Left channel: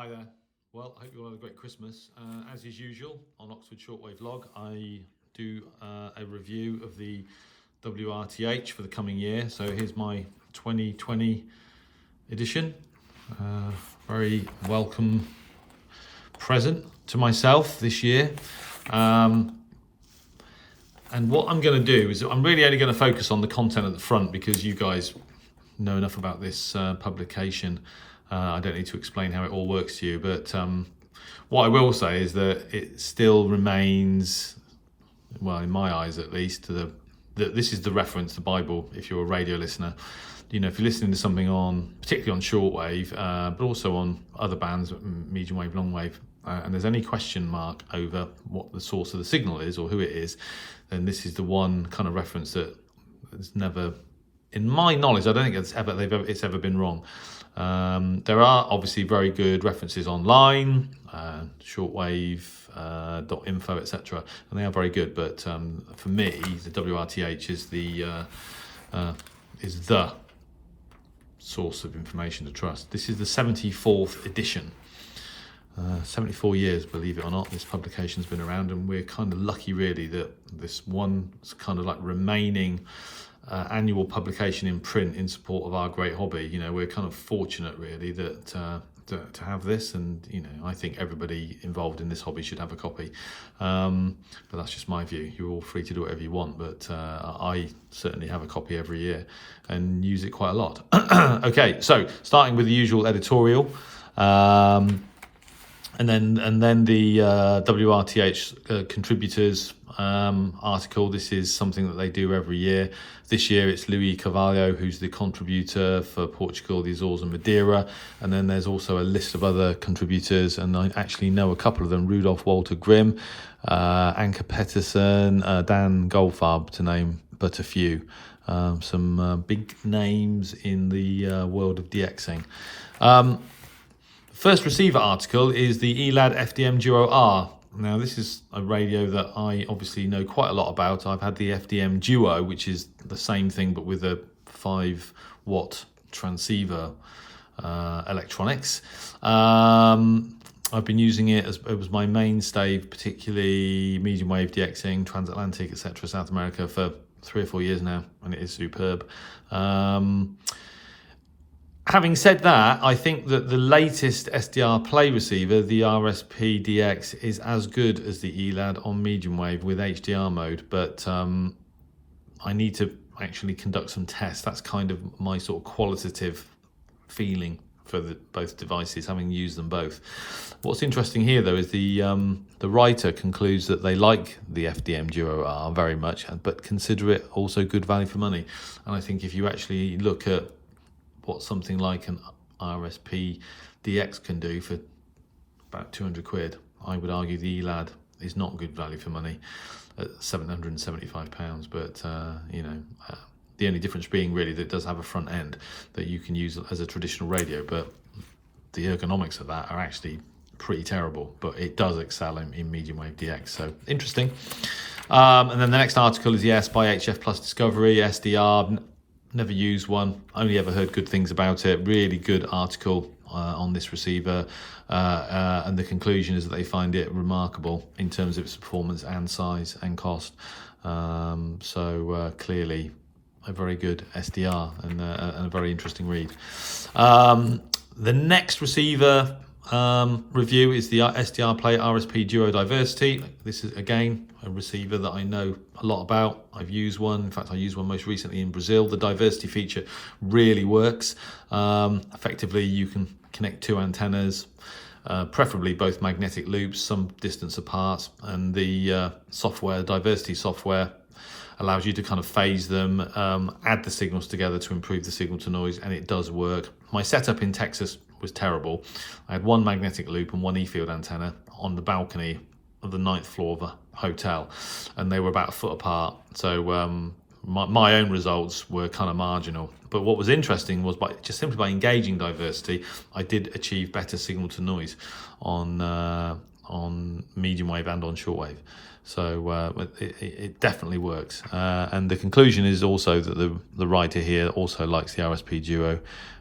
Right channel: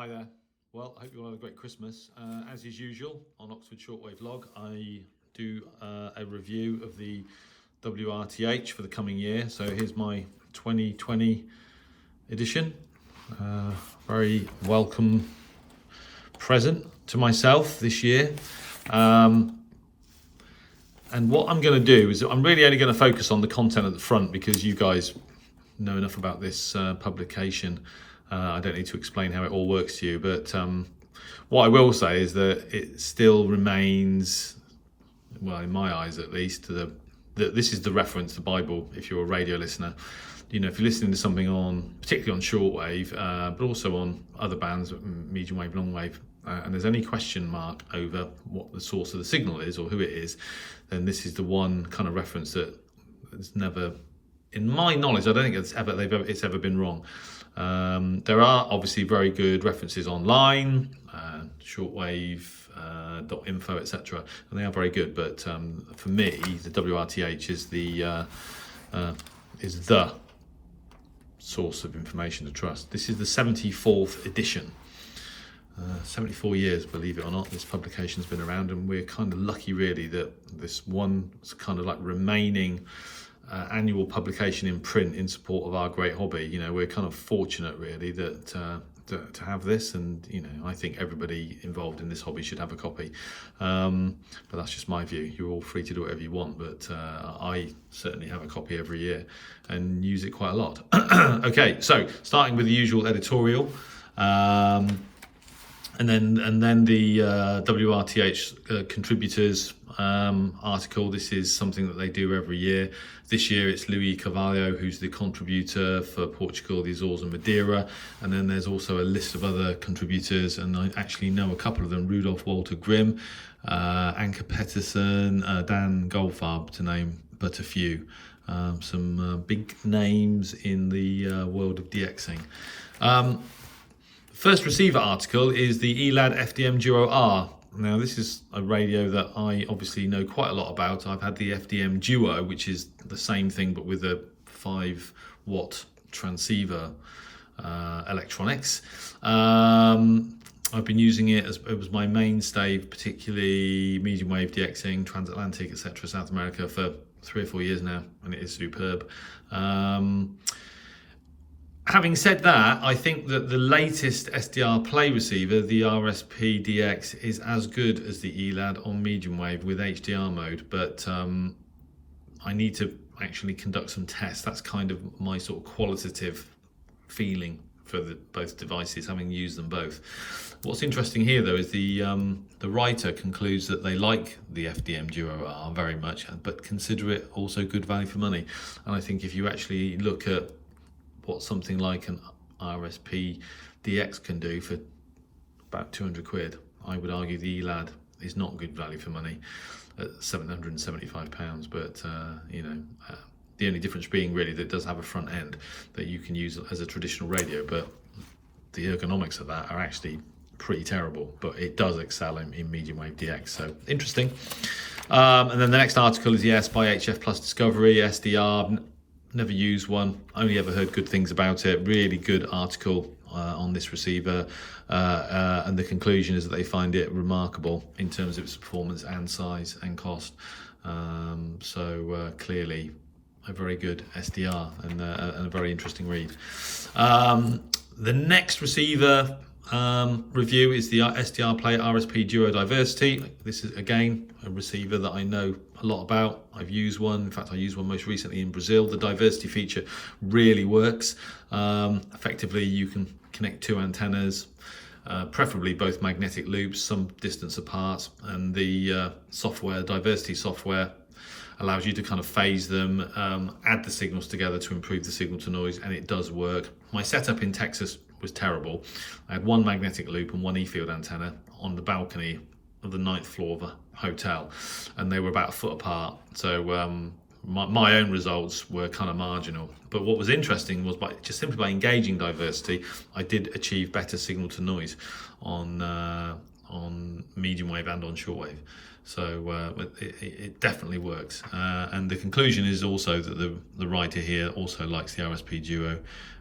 Hi there. Well, I hope you all had a great Christmas. As is usual, on Oxford Shortwave Log, I do a review of the WRTH for the coming year. So here's my 2020 edition. Very welcome present to myself this year. And what I'm going to do is I'm really only going to focus on the content at the front because you guys know enough about this publication. I don't need to explain how it all works to you, but what I will say is that it still remains, well, in my eyes at least, that this is the reference, the Bible, if you're a radio listener. You know, if you're listening to something on, particularly on shortwave, but also on other bands, medium wave, long wave, and there's any question mark over what the source of the signal is or who it is, then this is the one kind of reference that has never, in my knowledge, I don't think it's ever been wrong. There are obviously very good references online, shortwave.info, etc., and they are very good. But for me, the WRTH is the source of information to trust. This is the 74th edition. 74 years, believe it or not, this publication's been around, and we're kind of lucky, really, that this one kind of like remaining annual publication in print in support of our great hobby. You know, we're kind of fortunate, really, that to have this, and you know, I think everybody involved in this hobby should have a copy. But that's just my view. You're all free to do whatever you want, but I certainly have a copy every year and use it quite a lot. Okay, so starting with the usual editorial. And then the WRTH contributors article. This is something that they do every year. This year it's Luis Carvalho, who's the contributor for Portugal, the Azores and Madeira. And then there's also a list of other contributors, and I actually know a couple of them: Rudolf Walter Grimm, Anke Pettersson, Dan Goldfarb, to name but a few. Some big names in the world of DXing. First receiver article is the ELAD FDM Duo R. Now, this is a radio that I obviously know quite a lot about. I've had the FDM Duo, which is the same thing but with a 5-watt transceiver electronics. I've been using it as it was my mainstay, particularly medium wave DXing, transatlantic, etc., South America, for 3 or 4 years now, and it is superb. Having said that, I think that the latest SDR play receiver, the RSP DX, is as good as the ELAD on medium wave with HDR mode, but I need to actually conduct some tests. That's kind of my sort of qualitative feeling for both devices, having used them both. What's interesting here, though, is the writer concludes that they like the FDM Duo R very much, but consider it also good value for money. And I think if you actually look at what something like an RSP DX can do for about 200 quid, I would argue the ELAD is not good value for money at £775. But you know, the only difference being really that it does have a front end that you can use as a traditional radio, but the ergonomics of that are actually pretty terrible. But it does excel in medium wave DX, so interesting. And then the next article is the S by HF Plus Discovery SDR. Never used one, only ever heard good things about it. Really good article on this receiver, and the conclusion is that they find it remarkable in terms of its performance and size and cost. So clearly a very good SDR and a very interesting read. The next receiver review is the SDR Play RSP Duo Diversity. This is again a receiver that I know a lot about. I've used one. In fact, I used one most recently in Brazil. The diversity feature really works. Effectively, you can connect 2 antennas, preferably both magnetic loops, some distance apart, and the software, diversity software, allows you to kind of phase them, add the signals together to improve the signal to noise, and it does work. My setup in Texas was terrible. I had 1 magnetic loop and 1 E-field antenna on the balcony of the 9th floor of a hotel, and they were about a foot apart. So my own results were kind of marginal. But what was interesting was simply by engaging diversity, I did achieve better signal to noise on medium wave and on shortwave. So it definitely works. And the conclusion is also that the writer here also likes the RSP Duo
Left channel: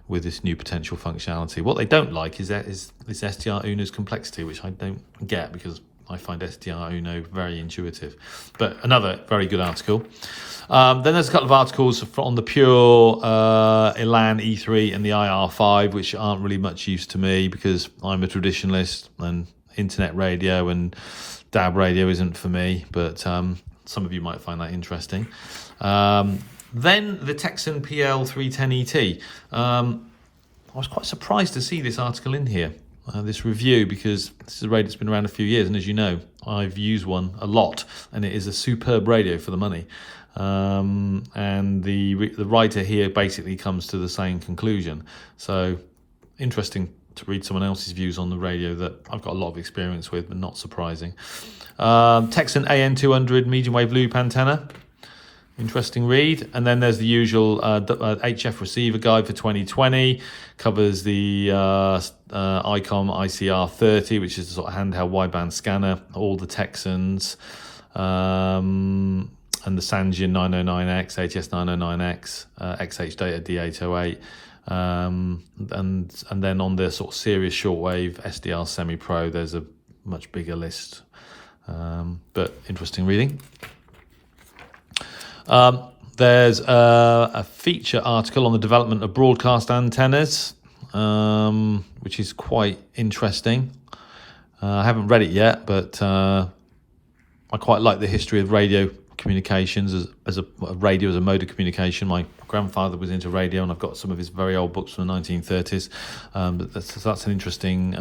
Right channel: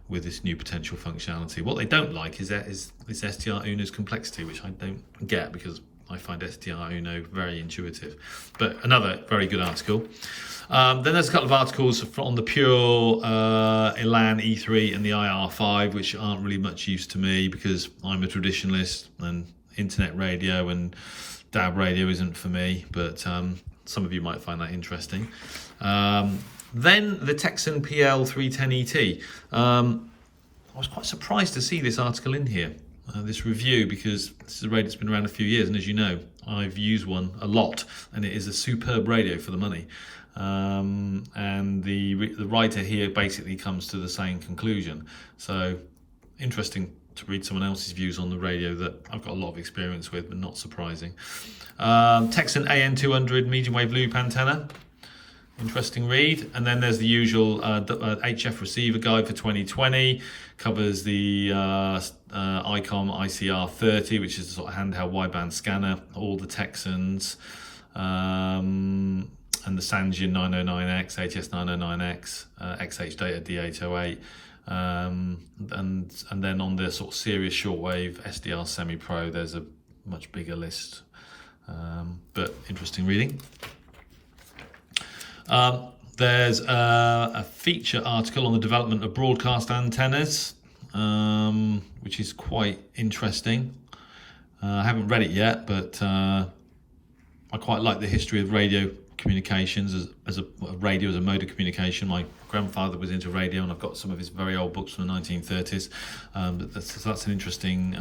with this new potential functionality. What they don't like is SDR Uno's complexity, which I don't get because I find SDR Uno very intuitive. But another very good article. Then there's a couple of articles on the pure Elan E3 and the IR5, which aren't really much use to me because I'm a traditionalist and internet radio and DAB radio isn't for me, but some of you might find that interesting. Then the Texan PL310ET. I was quite surprised to see this article in here, this review, because this is a radio that's been around a few years, and as you know, I've used one a lot, and it is a superb radio for the money. And the writer here basically comes to the same conclusion. So interesting to read someone else's views on the radio that I've got a lot of experience with, but not surprising. Texan AN200 medium wave loop antenna. Interesting read. And then there's the usual HF receiver guide for 2020. Covers the ICOM ICR30, which is a sort of handheld wideband scanner, all the Texans, and the Sangean 909X, HS909X, XH Data D808. And then on the sort of serious shortwave SDR semi-pro, there's a much bigger list, but interesting reading. There's a feature article on the development of broadcast antennas, which is quite interesting. I haven't read it yet, but I quite like the history of radio communications as a radio as a mode of communication. My grandfather was into radio, and I've got some of his very old books from the 1930s. But that's an interesting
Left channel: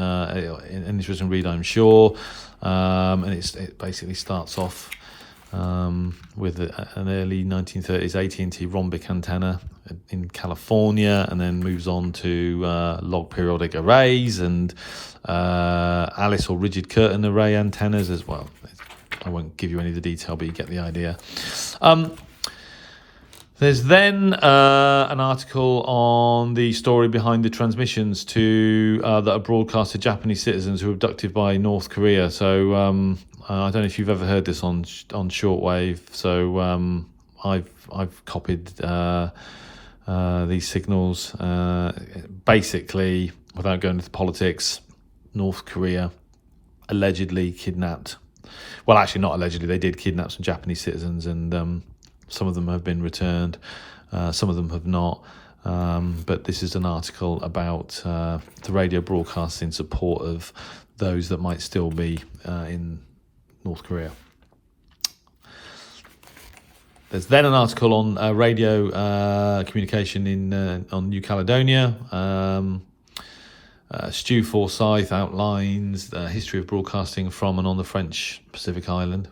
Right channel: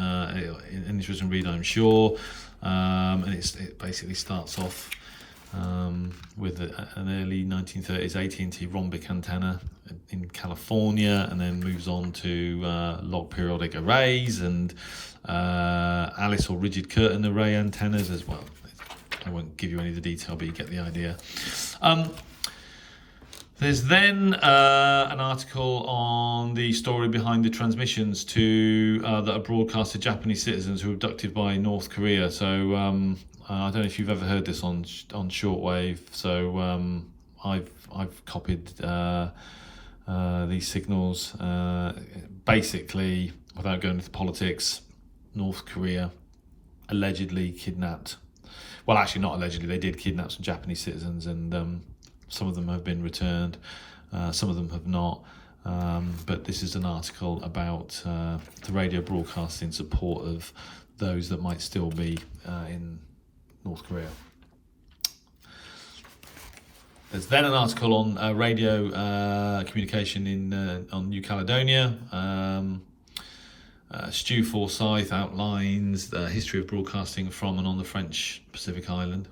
read, I'm sure. And it basically starts off with an early 1930s AT&T rhombic antenna in California, and then moves on to log periodic arrays and Alice or rigid curtain array antennas as well. I won't give you any of the detail, but you get the idea. There's then an article on the story behind the transmissions that are broadcast to Japanese citizens who were abducted by North Korea. So I don't know if you've ever heard this on shortwave. So I've copied these signals. Basically, without going into politics, North Korea allegedly kidnapped. Well, actually, not allegedly. They did kidnap some Japanese citizens, and some of them have been returned. Some of them have not. But this is an article about the radio broadcast in support of those that might still be in North Korea. There's then an article on radio communication on New Caledonia. Stu Forsyth outlines the history of broadcasting from and on the French Pacific Island.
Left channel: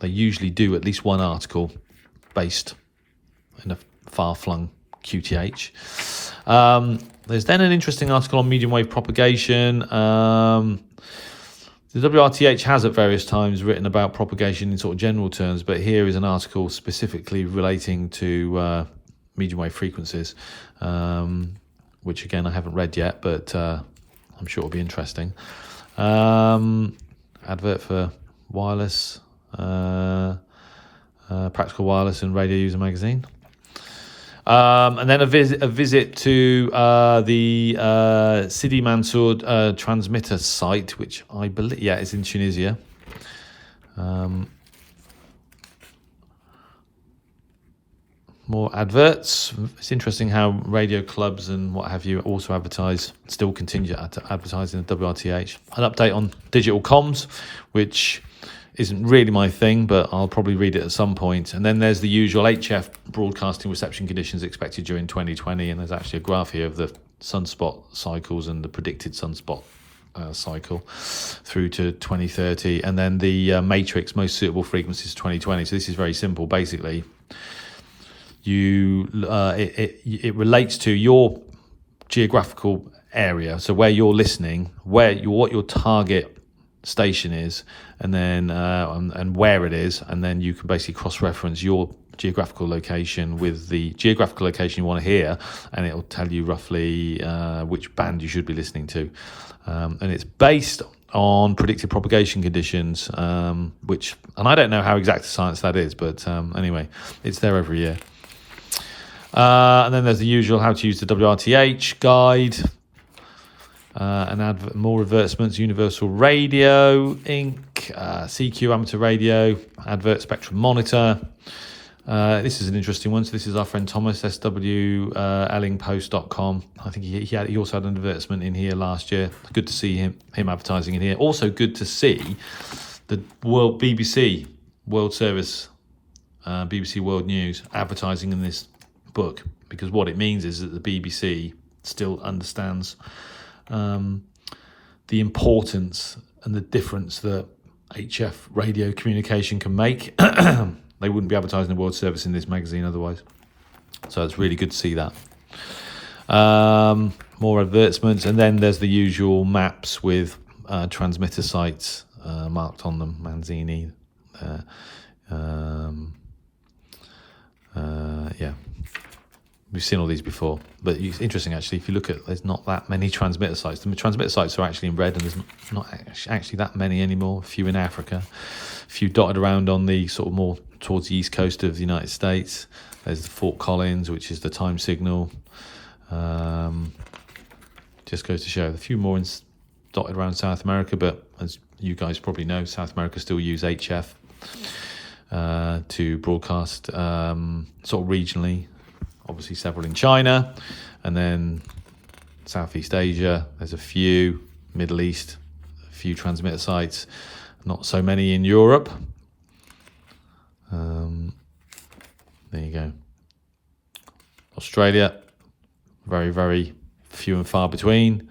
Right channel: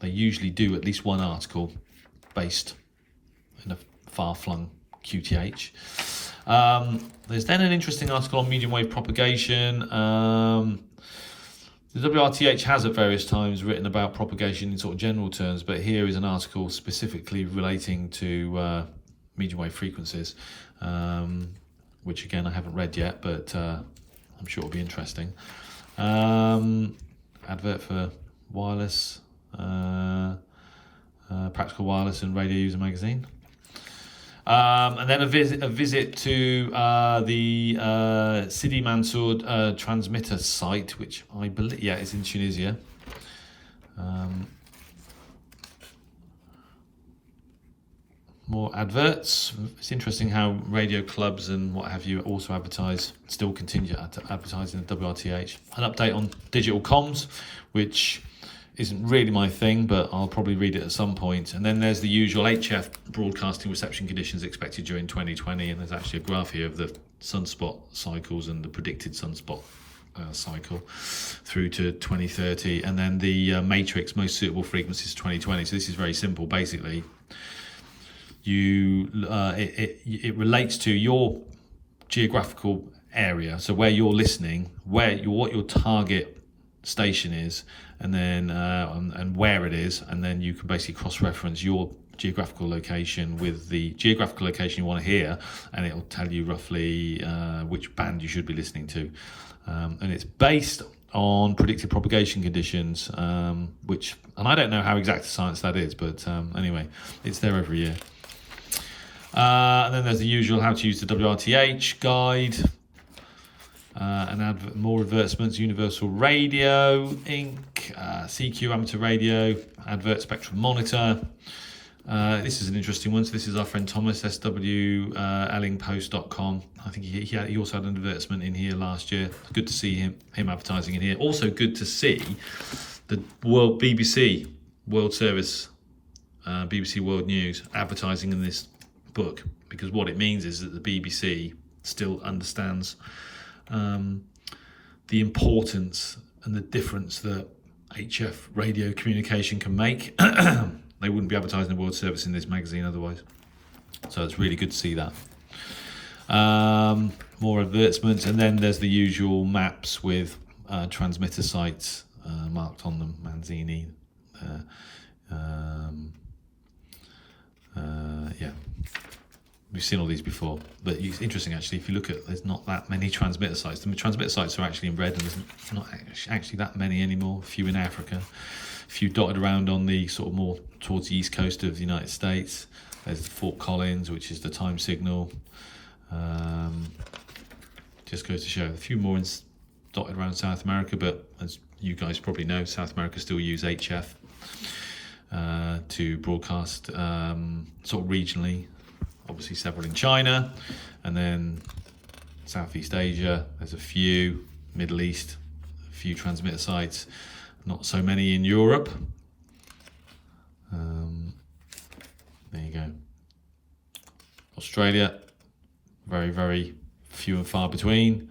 They usually do at least one article based in a far-flung QTH. There's then an interesting article on medium wave propagation. The WRTH has at various times written about propagation in sort of general terms, but here is an article specifically relating to medium wave frequencies, which again I haven't read yet, but I'm sure it'll be interesting. Advert for wireless, Practical Wireless and Radio User Magazine. And then a visit to the Sidi Mansour transmitter site, which I believe, is in Tunisia. More adverts. It's interesting how radio clubs and what have you also still continue to advertise in the WRTH. An update on digital comms, which isn't really my thing, but I'll probably read it at some point. And then there's the usual HF broadcasting reception conditions expected during 2020, and there's actually a graph here of the sunspot cycles and the predicted sunspot cycle through to 2030, and then the matrix most suitable frequencies 2020. So this is very simple. Basically, it relates to your geographical area, so where you're listening, what your target station is, and then and where it is, and then you can basically cross-reference your geographical location with the geographical location you want to hear, and it'll tell you roughly which band you should be listening to, and it's based on predicted propagation conditions, and I don't know how exact a science that is, but anyway, it's there every year. And then there's the usual how to use the WRTH guide. And more advertisements, Universal Radio, Inc., CQ Amateur Radio, Advert Spectrum Monitor. This is an interesting one. So this is our friend Thomas, swellingpost.com. I think he also had an advertisement in here last year. Good to see him advertising in here. Also good to see the BBC World Service, BBC World News advertising in this book, because what it means is that the BBC still understands the importance and the difference that HF radio communication can make. They wouldn't be advertising the World Service in this magazine otherwise. So it's really good to see that. More advertisements, and then there's the usual maps with transmitter sites marked on them, Manzini. Yeah. We've seen all these before, but it's interesting actually. If you look at, there's not that many transmitter sites. The transmitter sites are actually in red, and there's not actually that many anymore. A few in Africa, a few dotted around on the sort of more towards the east coast of the United States. There's Fort Collins, which is the time signal. Just goes to show a few more dotted around South America, but as you guys probably know, South America still use HF to broadcast sort of regionally. Obviously several in China, and then Southeast Asia, there's a few, Middle East, a few transmitter sites, not so many in Europe. There you go. Australia, very, very few and far between.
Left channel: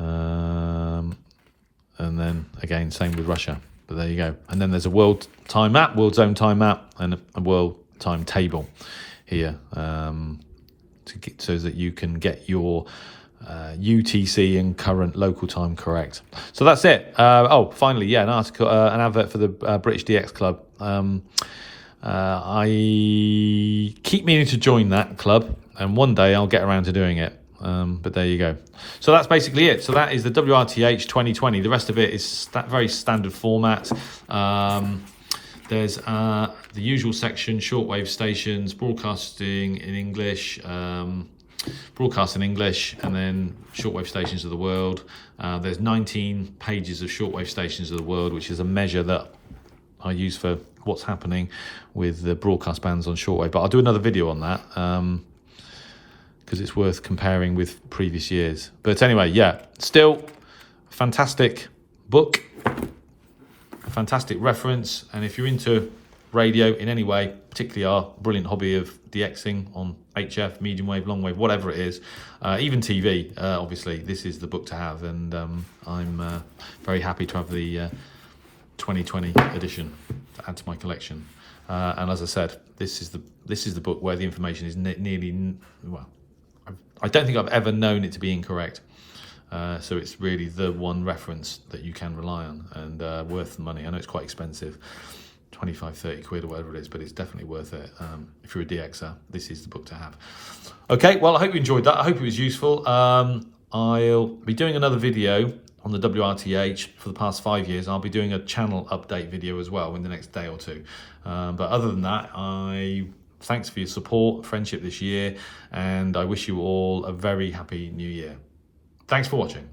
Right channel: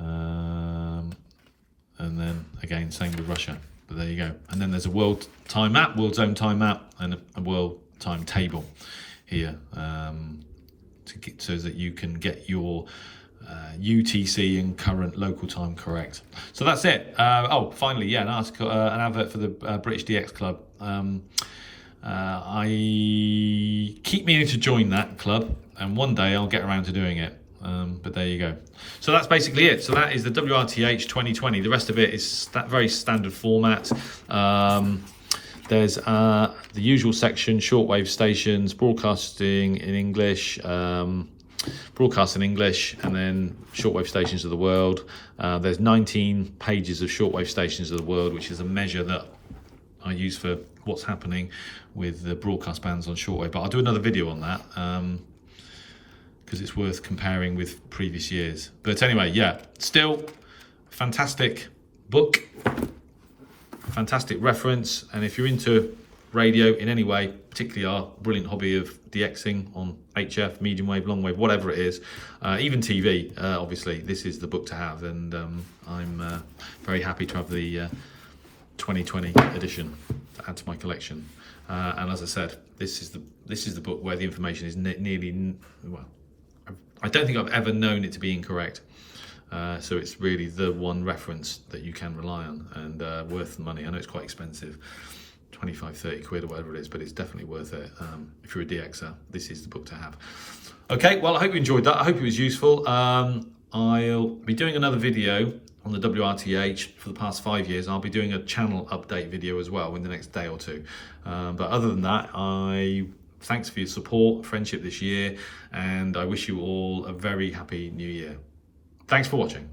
And then again, same with Russia, but there you go. And then there's a world time map, world zone time map, and a world time table here, so that you can get your UTC and current local time correct. So that's it. Finally, an article, an advert for the British DX Club. I keep meaning to join that club, and one day I'll get around to doing it. But there you go. So that's basically it. So that is the WRTH 2020. The rest of it is very standard format. There's the usual section, shortwave stations, broadcasting in English, and then shortwave stations of the world. There's 19 pages of shortwave stations of the world, which is a measure that I use for what's happening with the broadcast bands on shortwave. But I'll do another video on that, because it's worth comparing with previous years. But anyway, yeah, still fantastic book. Fantastic reference, and if you're into radio in any way, particularly our brilliant hobby of DXing on HF, medium wave, long wave, whatever it is, even TV, obviously, this is the book to have, and I'm very happy to have the 2020 edition to add to my collection. And as I said, this is the book where the information is nearly, well, I don't think I've ever known it to be incorrect. So it's really the one reference that you can rely on, and worth the money. I know it's quite expensive, 25, 30 quid or whatever it is, but it's definitely worth it. If you're a DXer, this is the book to have. Okay, well, I hope you enjoyed that. I hope it was useful. I'll be doing another video on the WRTH for the past 5 years. I'll be doing a channel update video as well in the next day or two. But other than that, thanks for your support, friendship this year, and I wish you all a very happy new year. Thanks for watching.